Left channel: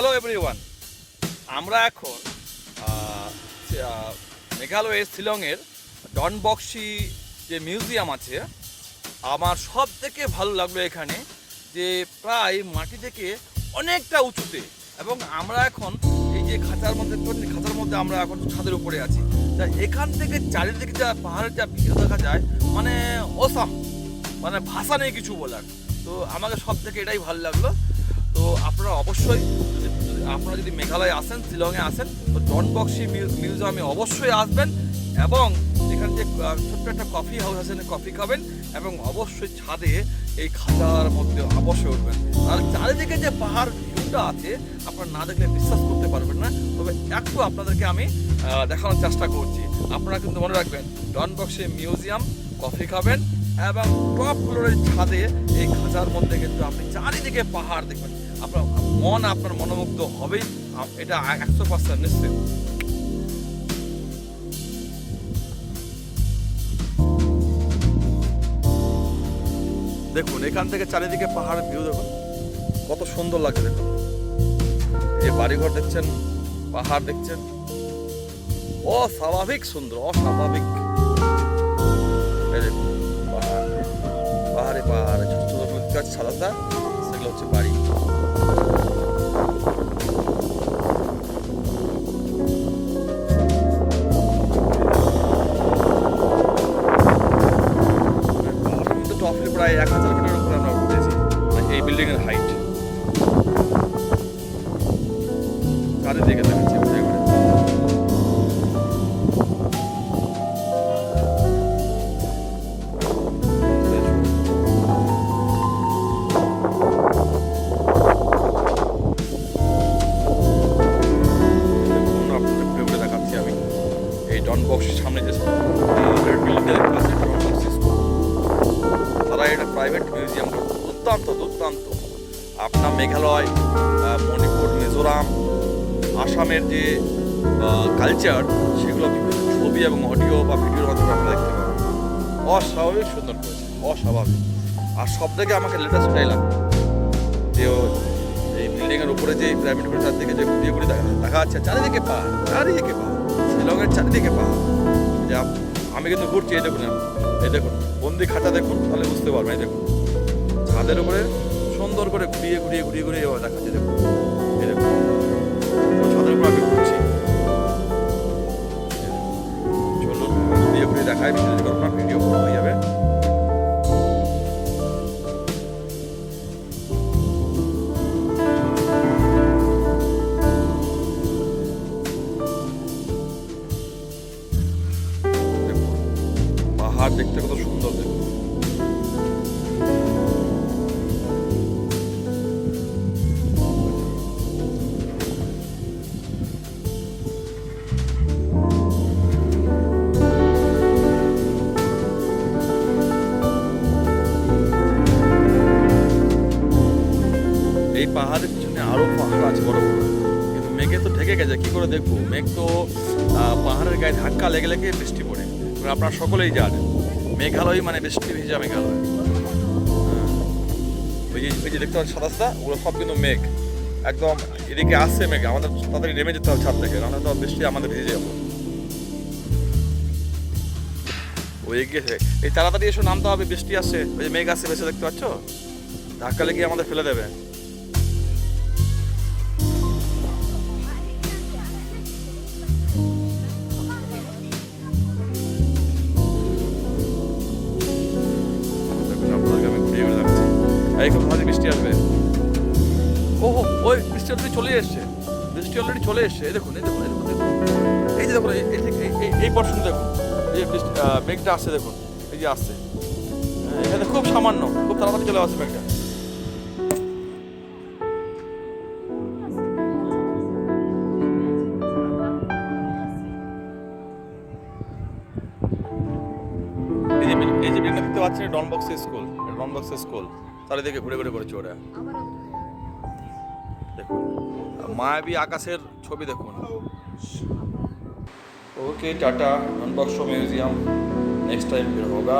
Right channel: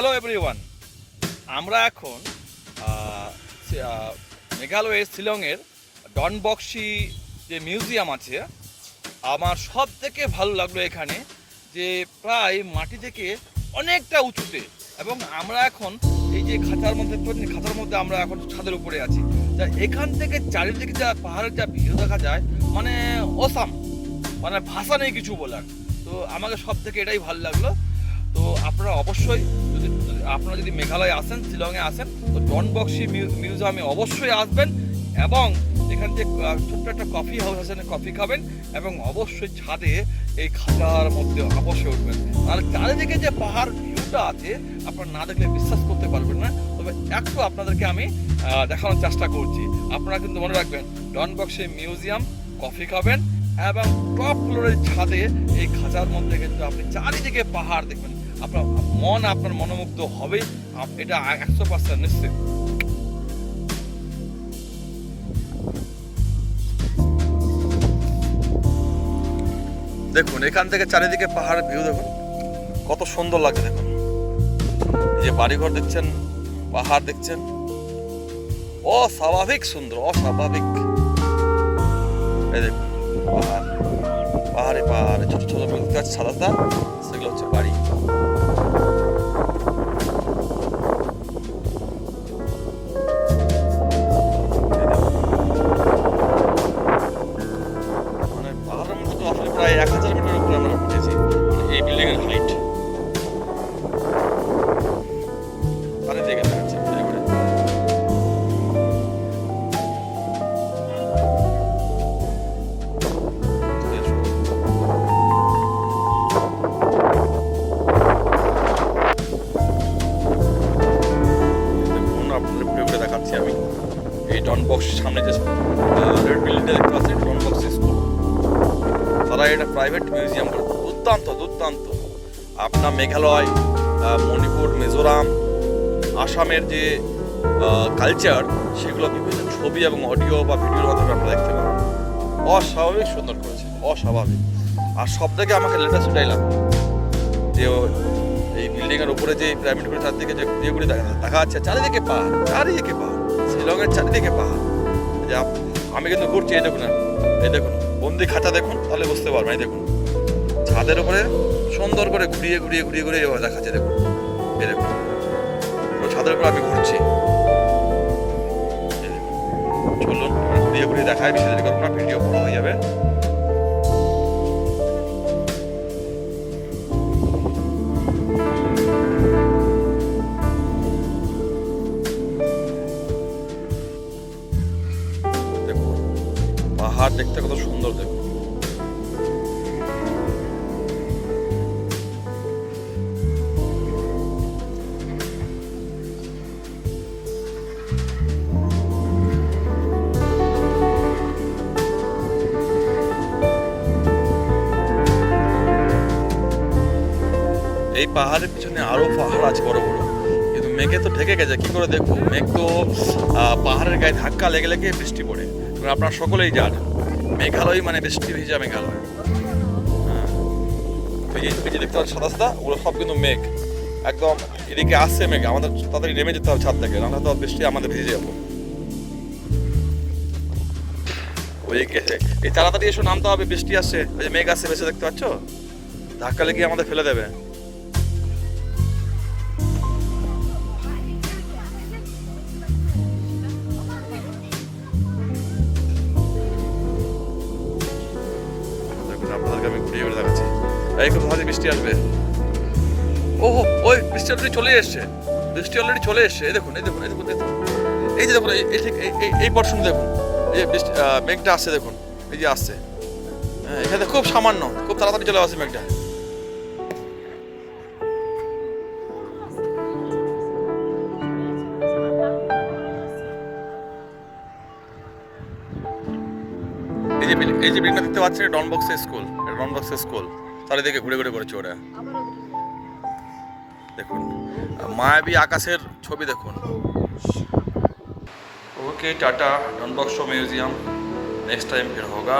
Hello everyone, আমরা এখন মেঘালয়ের শিলংয়ের ডনবক্সি যে মিউজিয়াম আছে, আমার সব থেকে ভালো লাগলো এখানে যে প্রায় মাটি থেকে অনেকটা উঁচুতে, এবং আমরা এখন এই যে খাঁচার মধ্যে আমরা এখন ছাদের উপরে আছি। তা এখান থেকে চারিদিকে যা পাহাড়ের যা ভিউ দেখা যায়, মানে অসাম, মানে ভাষা নেই কিছু বলার। তো আমাকে সব থেকে এটাই ভালো লাগলো। তো আপনারা অবশ্যই আপনারা যদি মেঘালয়ে আসেন, শিলংয়ে আসেন, তো ডনবক্সি মিউজিয়ামে অবশ্যই আসবেন, এবং এখানে যে ছোট্ট একটা কফি হাউস আছে, কফি খাবেন, এবং অবশ্যই ছাদে এই খাঁচার মধ্যে অবশ্যই উঠবেন। আর চারিদিকে যে পাহাড় ভিউটা আছে, আপনারা না দেখলে বিশ্বাস করতে পারবেন না। তবে একটু আপনাদেরকে আমি দেখানোর চেষ্টা করছি। আপনারা কিন্তু মনে রাখবেন, ডনবক্সি মিউজিয়াম, কফি খাবেন, এবং টপ ফ্লোরের ছাদে এই খাঁচার মধ্যে কিন্তু আপনি চারিদিকে পাহাড় দেখবেন। আপনার মনোমুগ্ধ হবেই, এটা 100% নিশ্চিত। দেখুন এখান থেকে চারিদিকে পাহাড়ের ভিউ দেখুন, কত সুন্দর লাগে। দেখুন এই যে বাড়িঘর দেখছেন, পাহাড় দেখছেন, অস্বাভাবিক সুন্দর, অস্বাভাবিক। এই দেখুন পাহাড়ে ছোট ছোট মিল গাছ, সাদা, সেগুলো হচ্ছে বাড়ি। প্রায় 1000 মিটারের উপরে আমরা উঠেছি এই বিল্ডিং এর হাইট। কাজে জায়গা দেখছি আপনাদের দেখাচ্ছি আমি। এই ডনবক্সির সামনে যে বিল্ডিংটা দেখতে পাচ্ছি, ডনবক্সি স্কুল। তারা এটা প্রাইভেট মিউজিয়াম, দুর্দান্ত। আপনার মেঘালয়, মণিপুর, মিজোরাম, আসামের যে কালচার, সেগুলো বিভিন্ন ছবি এবং অডিও বা ভিডিওর মাধ্যমে আপনারা দেখতে পাবেন। অস্বাভাবিক সুন্দর করেছে, অস্বাভাবিক। আর সব থেকে আমাকে লেটেস্ট লাগলো যে এই বিল্ডিংয়ের উপরে যে প্রাইভেট চারদিকে যে ভিডিওগুলি দেখা যাচ্ছে, চারিদিকে পাহাড়, শিলংয়ের চারিদিকে পাহাড়। যা আমি কিন্তু ঘুরছি, এই দেখুন বন্দি খাঁচা দেখুন, তাহলে বুঝতে পারবেন। এই দেখুন ছাদের উপরে সুন্দর করে ঘুরিয়ে এভাবে দেখাচ্ছে। দেখুন এই দেখুন ছাদের উপরে আমি ঘুরছি। চলুন ঘুরিয়ে দেখায়, বেশি দেরি করবো না, ভিডিও বড় হয়ে যাবে। দেখুন পাহাড় দেখতে কত সুন্দর। দেখুন এই পাহাড়ের পিছনে আরো পাহাড় আছে বড় বড়, কিন্তু মেঘে তো ঢেকে গেছে। কি করে দেখবো? মেঘ তো পাহাড়ের গায়ে ধাক্কা লেগে বৃষ্টি পড়ে। আপনারা সকলেই জানেন মেঘালয় মানে বৃষ্টি ভিজা মেঘালয়। এই যে দেখতে পাচ্ছেন সাদা, ওগুলো সব কিন্তু মেঘ। একদম এদিকে আসছে মেঘ, আমাদের তাড়াতাড়ি নেমে যেতে হবে ছাদ থেকে, নাহলে তো বৃষ্টি আমাদের ভিজে যাবো। ওই এই তাড়াতাড়ি এসে নামতে হবে, বৃষ্টি আসছে। ওই যে মেঘ আসছে ভেসে, দেখতে পাচ্ছ? ধাক্কা লেগে আমাদের ফেলে দেবে। আপনাদেরকে আমি ঘুরিয়ে দেখাচ্ছি। এই খুব ভালো বৃষ্টি আসবে। ওই বৃষ্টি অলরেডি চলে এসছে। এই দেখুন এই যে দেখুন এই পোর্শন দেখুন, এই যে বৃষ্টি মেঘটা আসছে, দেখুন এই যে আসছে। হ্যাঁ, এখানে খুব সামান্য, খুব তাড়াতাড়ি চলে আসছে মেঘটা। এই যে বিল্ডিংটা দেখতে পাচ্ছেন, ডনবক্সি স্কুল। চারিদিকে ঘুরে করেছে ওরা। দেখুন মায়াবী আকাশের ছবি দেখুন। ओके टाटा डॉन बॉक्स म्यूजियम नेक्स्ट टाइम फिर होगा।